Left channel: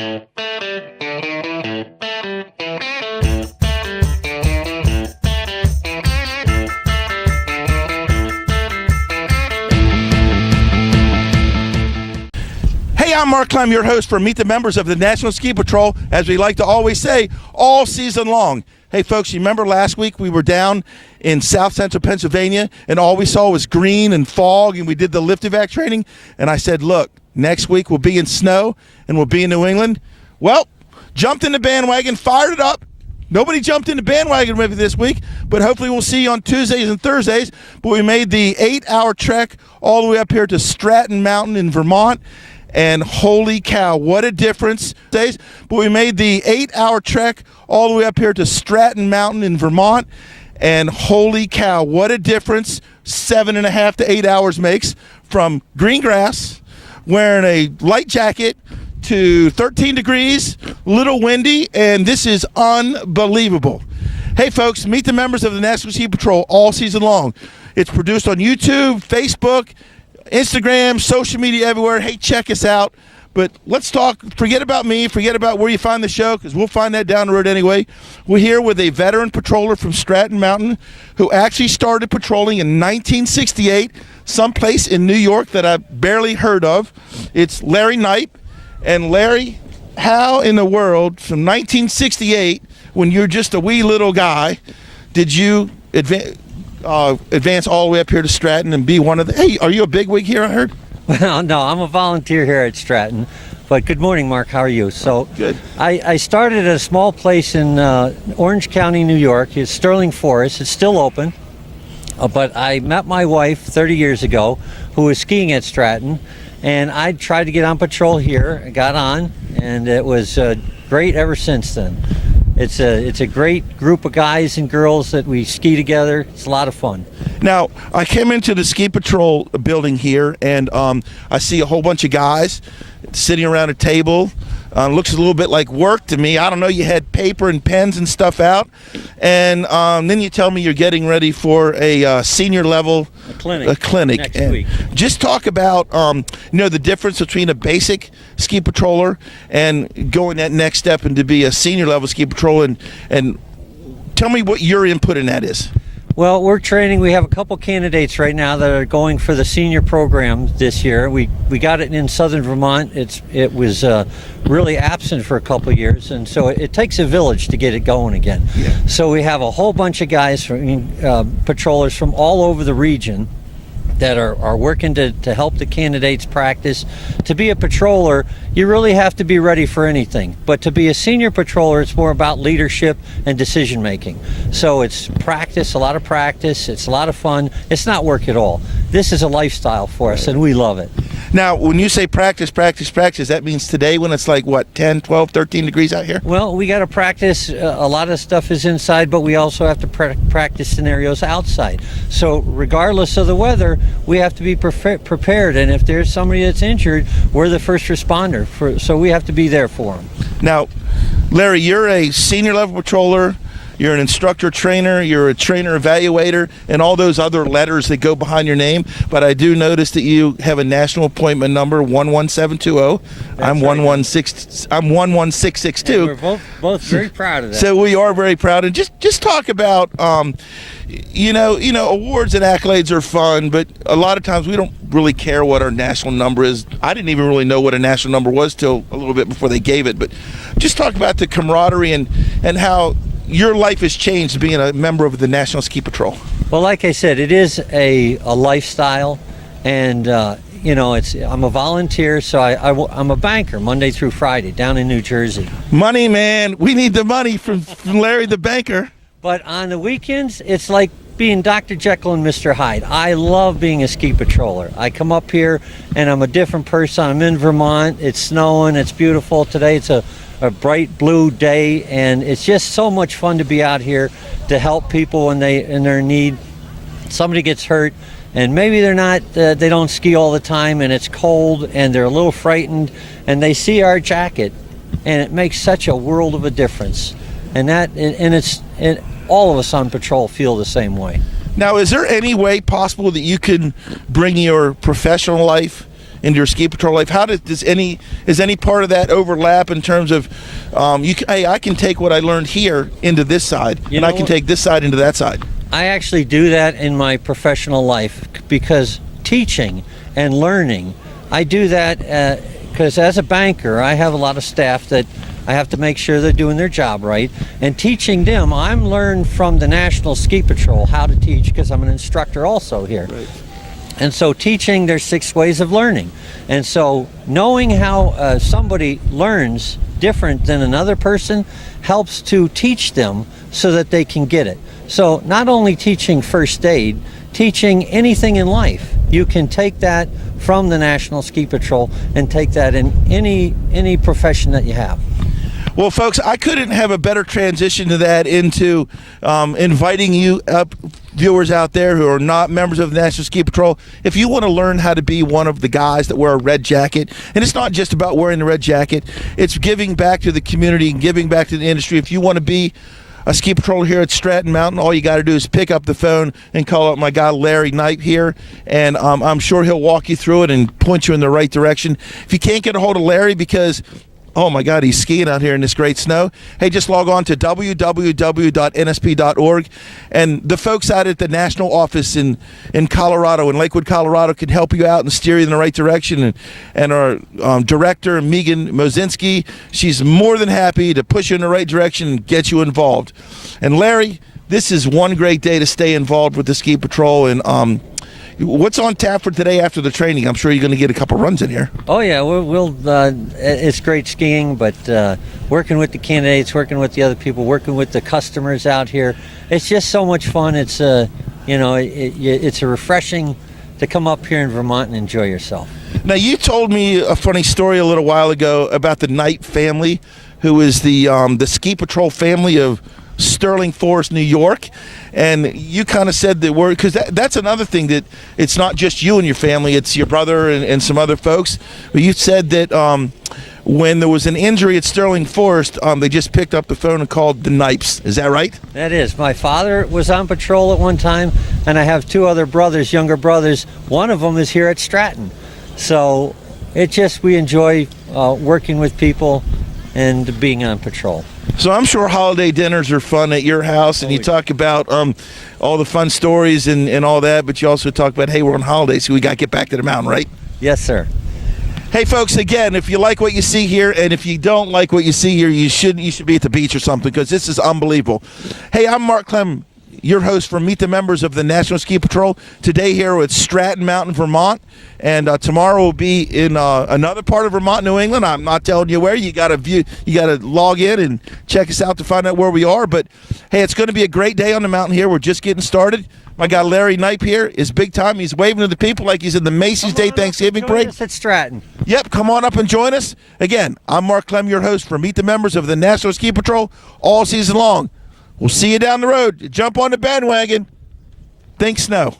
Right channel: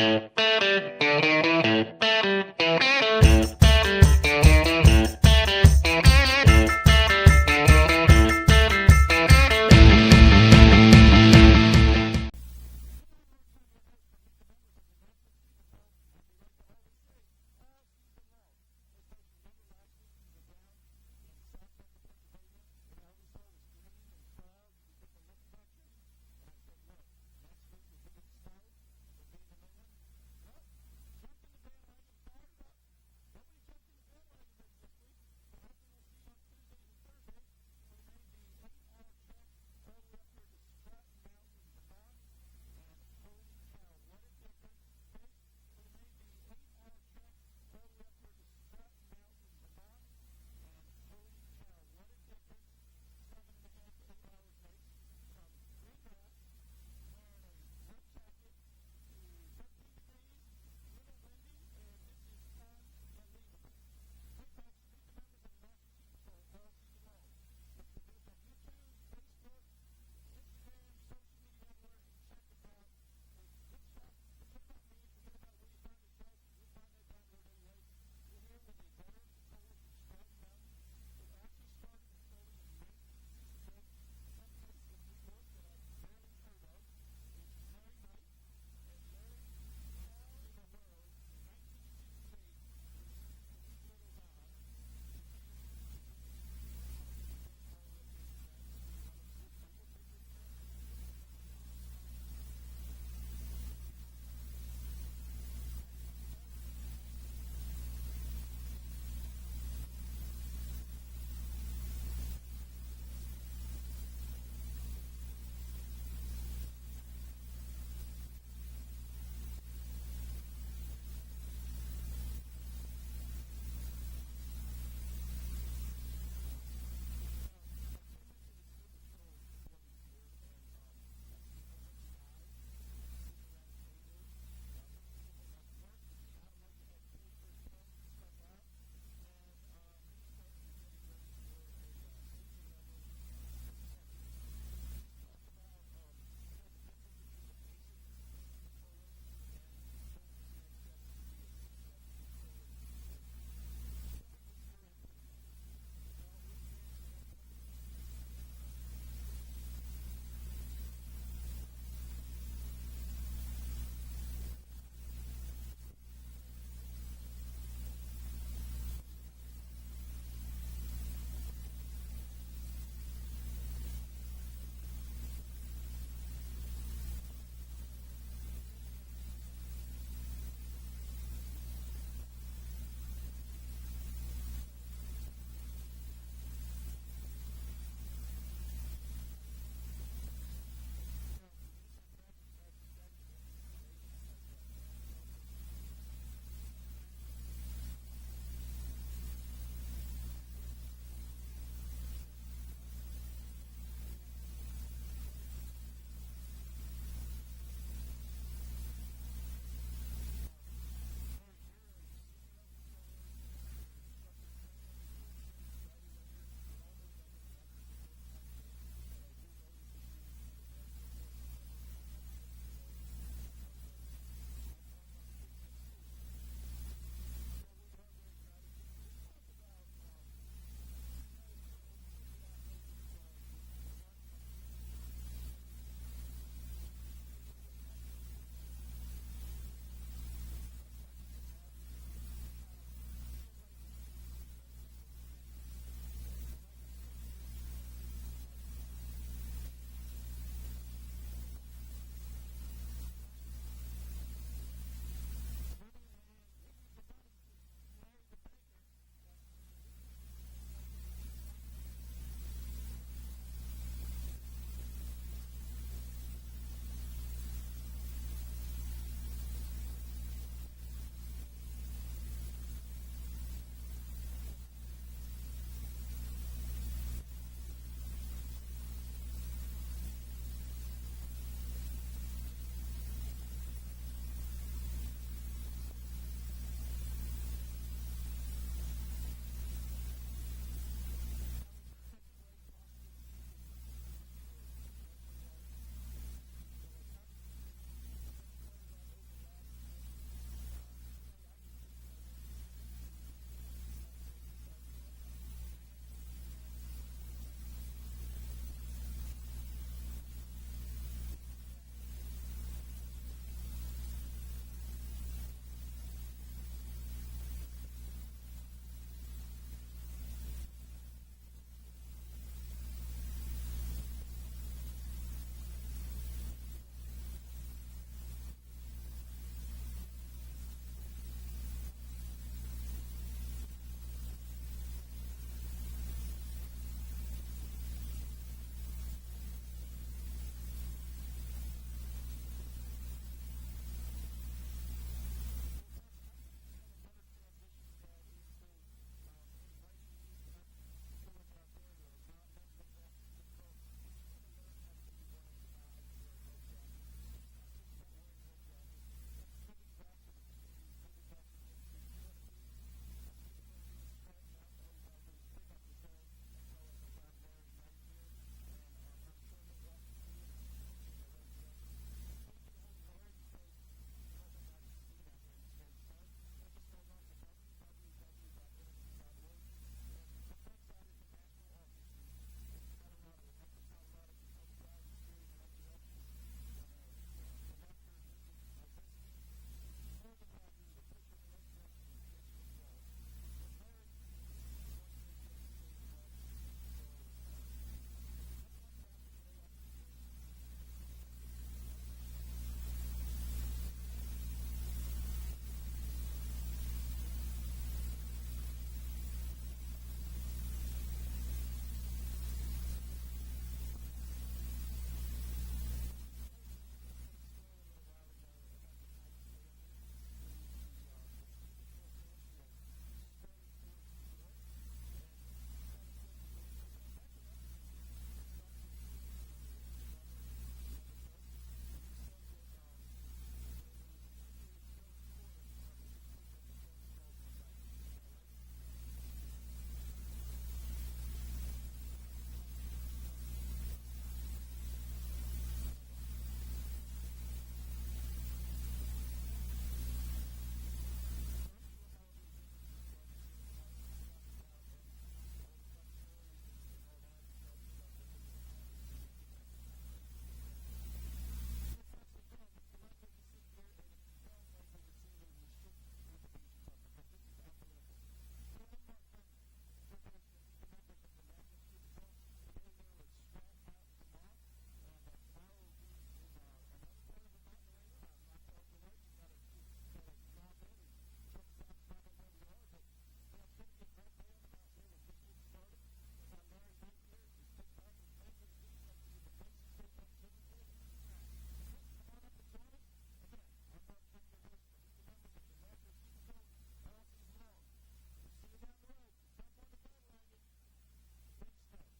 Hey, I'm Mark Kneip, your host for Meet the Members of the National Ski Patrol, as we like to always say, all season long. Hey, folks, you remember last week we were down in South Central Pennsylvania, and all we saw was green and fog, and we did the lift evac training, and I said, look, next week we'll be in snow, and we'll be in New England. Well, jumped in the bandwagon, fired it up. Nobody jumped in the bandwagon with me this week, but hopefully we'll see you on Tuesdays and Thursdays. But we made the 8-hour trek all the way up here to Stratton Mountain in Vermont. And holy cow, what a difference. But we made the 8-hour trek all the way up here to Stratton Mountain in Vermont. And holy cow, what a difference 7.5 to 8 hours makes from green grass, wearing a light jacket, to 13 degrees, little windy, and this is unbelievable. Hey folks, meet the members of the National Ski Patrol all season long. It's produced on YouTube, Facebook, Instagram, social media everywhere. Hey, check us out. But let's talk, forget about me, forget about where you find the show, because we'll find that down the road anyway. We're here with a veteran patroller from Stratton Mountain who actually started patrolling in 1968, someplace in New York that I barely heard of. It's Larry Kneip. And Larry, how in the world, from 1968, when you're just a wee little guy, did you advance all the way up here to Stratton and be one of the, hey, are you a bigwig here, I heard? Well, no, I'm a volunteer here at Stratton. But good morning, Mark. How are you? So good. I started at a small place in Orange County, New York. It's Sterling Forest. It's still open. But I met my wife 30 years ago, who was skiing at Stratton. And I tried to get on patrol here. I got on, and it was great ever since then. It's a great group of guys and girls that we ski together. It's a lot of fun. Now, I came into the ski patrol building here, and I see a whole bunch of guys sitting around a table. Looks a little bit like work to me. I don't know, you had paper and pens and stuff out. And then you tell me you're getting ready for a senior level clinic. Next week. Just talk about the difference between a basic ski patroller and going that next step and to be a senior level ski patroller, and tell me what your input in that is. Well, we're training. We have a couple candidates right now that are going for the senior program this year. We got it in southern Vermont. It was really absent for a couple of years, and so it takes a village to get it going again. Yeah. So we have a whole bunch of guys from patrollers from all over the region that are working to help the candidates practice. To be a patroller, you really have to be ready for anything. But to be a senior patroller, it's more about leadership and decision making. So it's practice, a lot of practice, it's a lot of fun. It's not work at all. This is a lifestyle for us, and we love it. Now, when you say practice, that means today when it's like, what, 10, 12, 13 degrees out here? Well, we got to practice. A lot of stuff is inside, but we also have to practice scenarios outside. So regardless of the weather, we have to be prepared. And if there's somebody that's injured, we're the first responder. So we have to be there for them. Now, Larry, you're a senior level patroller. You're an instructor trainer, you're a trainer evaluator, and all those other letters that go behind your name. But I do notice that you have a national appointment number 11720. I'm 11662. And we're both very proud of that. So we are very proud. And just talk about awards and accolades are fun, but a lot of times we don't really care what our national number is. I didn't even really know what a national number was till a little bit before they gave it. But just talk about the camaraderie and how your life has changed being a member of the National Ski Patrol. Well, like I said, it is a lifestyle, and I'm a volunteer, so I'm a banker Monday through Friday down in New Jersey. Money, man. We need the money from Larry the banker. But on the weekends, it's like being Dr. Jekyll and Mr. Hyde. I love being a ski patroller. I come up here, and I'm a different person. I'm in Vermont. It's snowing. It's beautiful. Today it's a bright blue day, and it's just so much fun to be out here to help people when they're in need. Somebody gets hurt, and maybe they don't ski all the time, and it's cold, and they're a little frightened, and they see our jacket, and it makes such a world of a difference. And all of us on patrol feel the same way. Now, is there any way possible that you can bring your professional life into your ski patrol life? How is any part of that overlap in terms of hey, I can take what I learned here into this side, and I can take this side into that side? I actually do that in my professional life because teaching and learning, I do that because as a banker, I have a lot of staff that I have to make sure they're doing their job right. And teaching them, I'm learned from the National Ski Patrol how to teach because I'm an instructor also here. Right. And so teaching, there's 6 ways of learning. And so knowing how somebody learns different than another person helps to teach them so that they can get it. So not only teaching first aid, teaching anything in life. You can take that from the National Ski Patrol and take that in any profession that you have. Well, folks, I couldn't have a better transition to that into inviting you up, viewers out there who are not members of the National Ski Patrol. If you want to learn how to be one of the guys that wear a red jacket, and it's not just about wearing the red jacket, it's giving back to the community and giving back to the industry. If you want to be a ski patroller here at Stratton Mountain, all you got to do is pick up the phone and call up my guy Larry Kneip here, and I'm sure he'll walk you through it and point you in the right direction. If you can't get a hold of Larry because oh my God, he's skiing out here in this great snow, hey, just log on to www.nsp.org, and the folks out at the national office in Colorado, in Lakewood, Colorado, can help you out and steer you in the right direction. And our director, Megan Mozinski, she's more than happy to push you in the right direction and get you involved. And Larry, this is one great day to stay involved with the Ski Patrol. And what's on tap for today after the training? I'm sure you're going to get a couple runs in here. Oh yeah, we'll it's great skiing, but working with the candidates, working with the other people, working with the customers out here, it's just so much fun. It's it's a refreshing to come up here in Vermont and enjoy yourself. Now, you told me a funny story a little while ago about the Knight family, who is the Ski Patrol family of Sterling Forest, New York. And you kind of said that we're, because that's another thing, that it's not just you and your family, it's your brother and some other folks. But you said that when there was an injury at Sterling Forest, they just picked up the phone and called the Kneips. Is that right? That is. My father was on patrol at one time, and I have 2 other brothers, younger brothers. One of them is here at Stratton. So we enjoy working with people and being on patrol. So I'm sure holiday dinners are fun at your house, and you talk about all the fun stories and all that, but you also talk about, hey, we're on holiday, so we got to get back to the mountain, right? Yes, sir. Hey, folks, again, if you like what you see here, and if you don't like what you see here, you should be at the beach or something, because this is unbelievable. Hey, I'm Mark Clem, your host for Meet the Members of the National Ski Patrol. Today here at Stratton Mountain, Vermont. And tomorrow will be in another part of Vermont, New England. I'm not telling you where. You got to log in and check us out to find out where we are. But hey, it's going to be a great day on the mountain here. We're just getting started. My guy Larry Knipe here is big time. He's waving to the people like he's in the Macy's Day Thanksgiving Parade. Join us at Stratton. Yep, come on up and join us. Again, I'm Mark Clem, your host for Meet the Members of the National Ski Patrol all season long. We'll see you down the road. Jump on the bandwagon. Think snow.